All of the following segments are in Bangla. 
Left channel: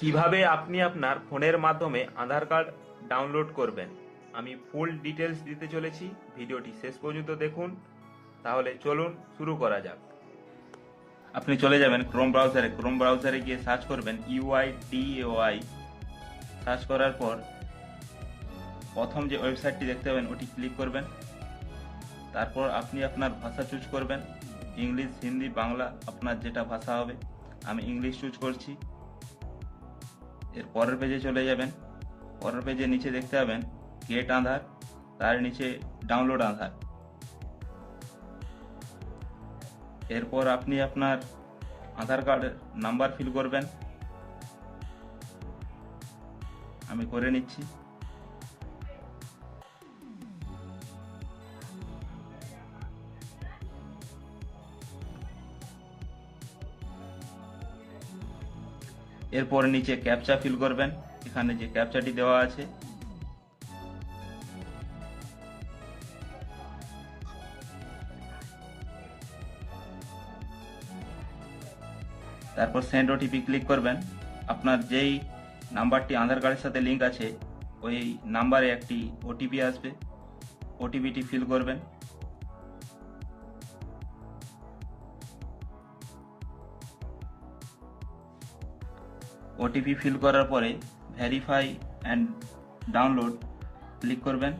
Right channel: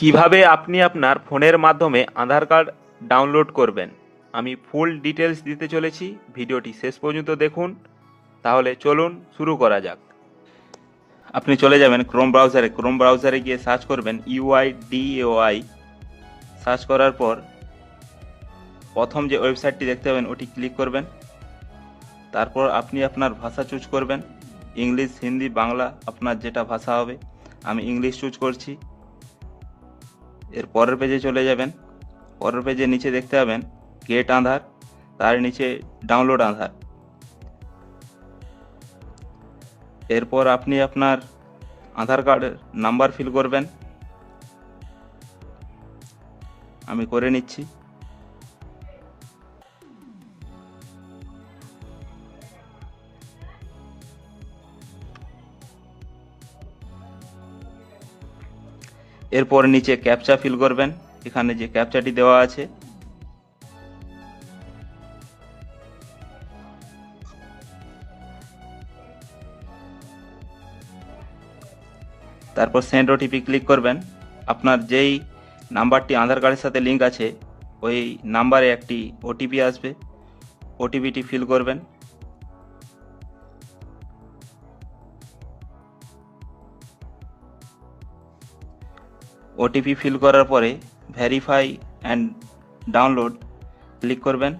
কিভাবে আপনি আপনার ফোনের মাধ্যমে আধার কার্ড ডাউনলোড করবেন, আমি ফুল ডিটেলস দিতে চলেছি। ভিডিওটি শেষ পর্যন্ত দেখুন। তাহলে চলুন শুরু করা যাক। আপনি চলে যাবেন ক্রোম ব্রাউজারে গিয়ে সার্চ করবেন UIDAI। সার্চ করার পর প্রথম যে ওয়েবসাইটটি দেখতে পাবেন ওটি ক্লিক করবেন। তারপর আপনি আপনার ভাষা চুজ করবেন, ইংলিশ, হিন্দি, বাংলা, আপনার যেটা ভাষা হবে। আমি ইংলিশ চুজ করছি। এর পরের পেজে চলে যাবেন। পরের পেজে নিচে দেখতে পাবেন গেট আধার, তার নিচে ডাউনলোড আধার। এরপর আপনি আপনার আধার কার্ডের নাম্বার ফিল করবেন। আমি করে নিচ্ছি। এরপর নিচে ক্যাপচা ফিল করবেন, এখানে যে ক্যাপচাটি দেওয়া আছে। তারপর সেন্ড ওটিপি ক্লিক করবেন। আপনার যেই নাম্বারটি আধার কার্ডের সাথে লিঙ্ক আছে ওই নাম্বারে একটি ওটিপি আসবে, ওটিপিটি ফিল করবেন। ওটিপি ফিল করার পরে ভেরিফাই অ্যান্ড ডাউনলোড ক্লিক করবেন।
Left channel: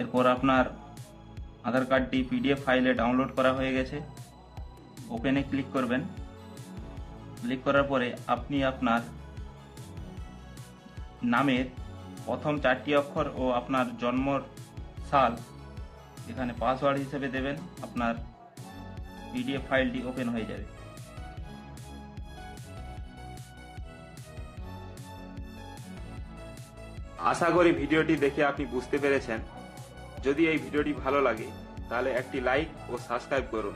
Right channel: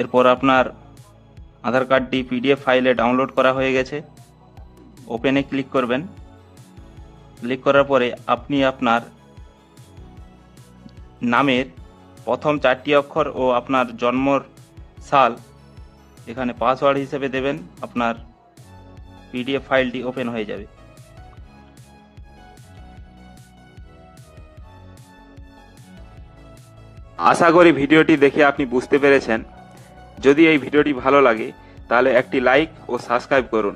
এরপর আপনার আধার কার্ডটি PDF ফাইলে ডাউনলোড করা হয়ে গেছে। ওপেনে ক্লিক করবেন। ক্লিক করার পরে আপনি আপনার নামের প্রথম 4টি অক্ষর ও আপনার জন্মর সাল এখানে পাসওয়ার্ড হিসেবে দেবেন। আপনার PDF ফাইলটি ওপেন হয়ে যাবে। আশা করি ভিডিওটি দেখে আপনি বুঝতে পেরেছেন। যদি এই ভিডিওটি ভালো লাগে তাহলে একটি লাইক ও সাবস্ক্রাইব করুন।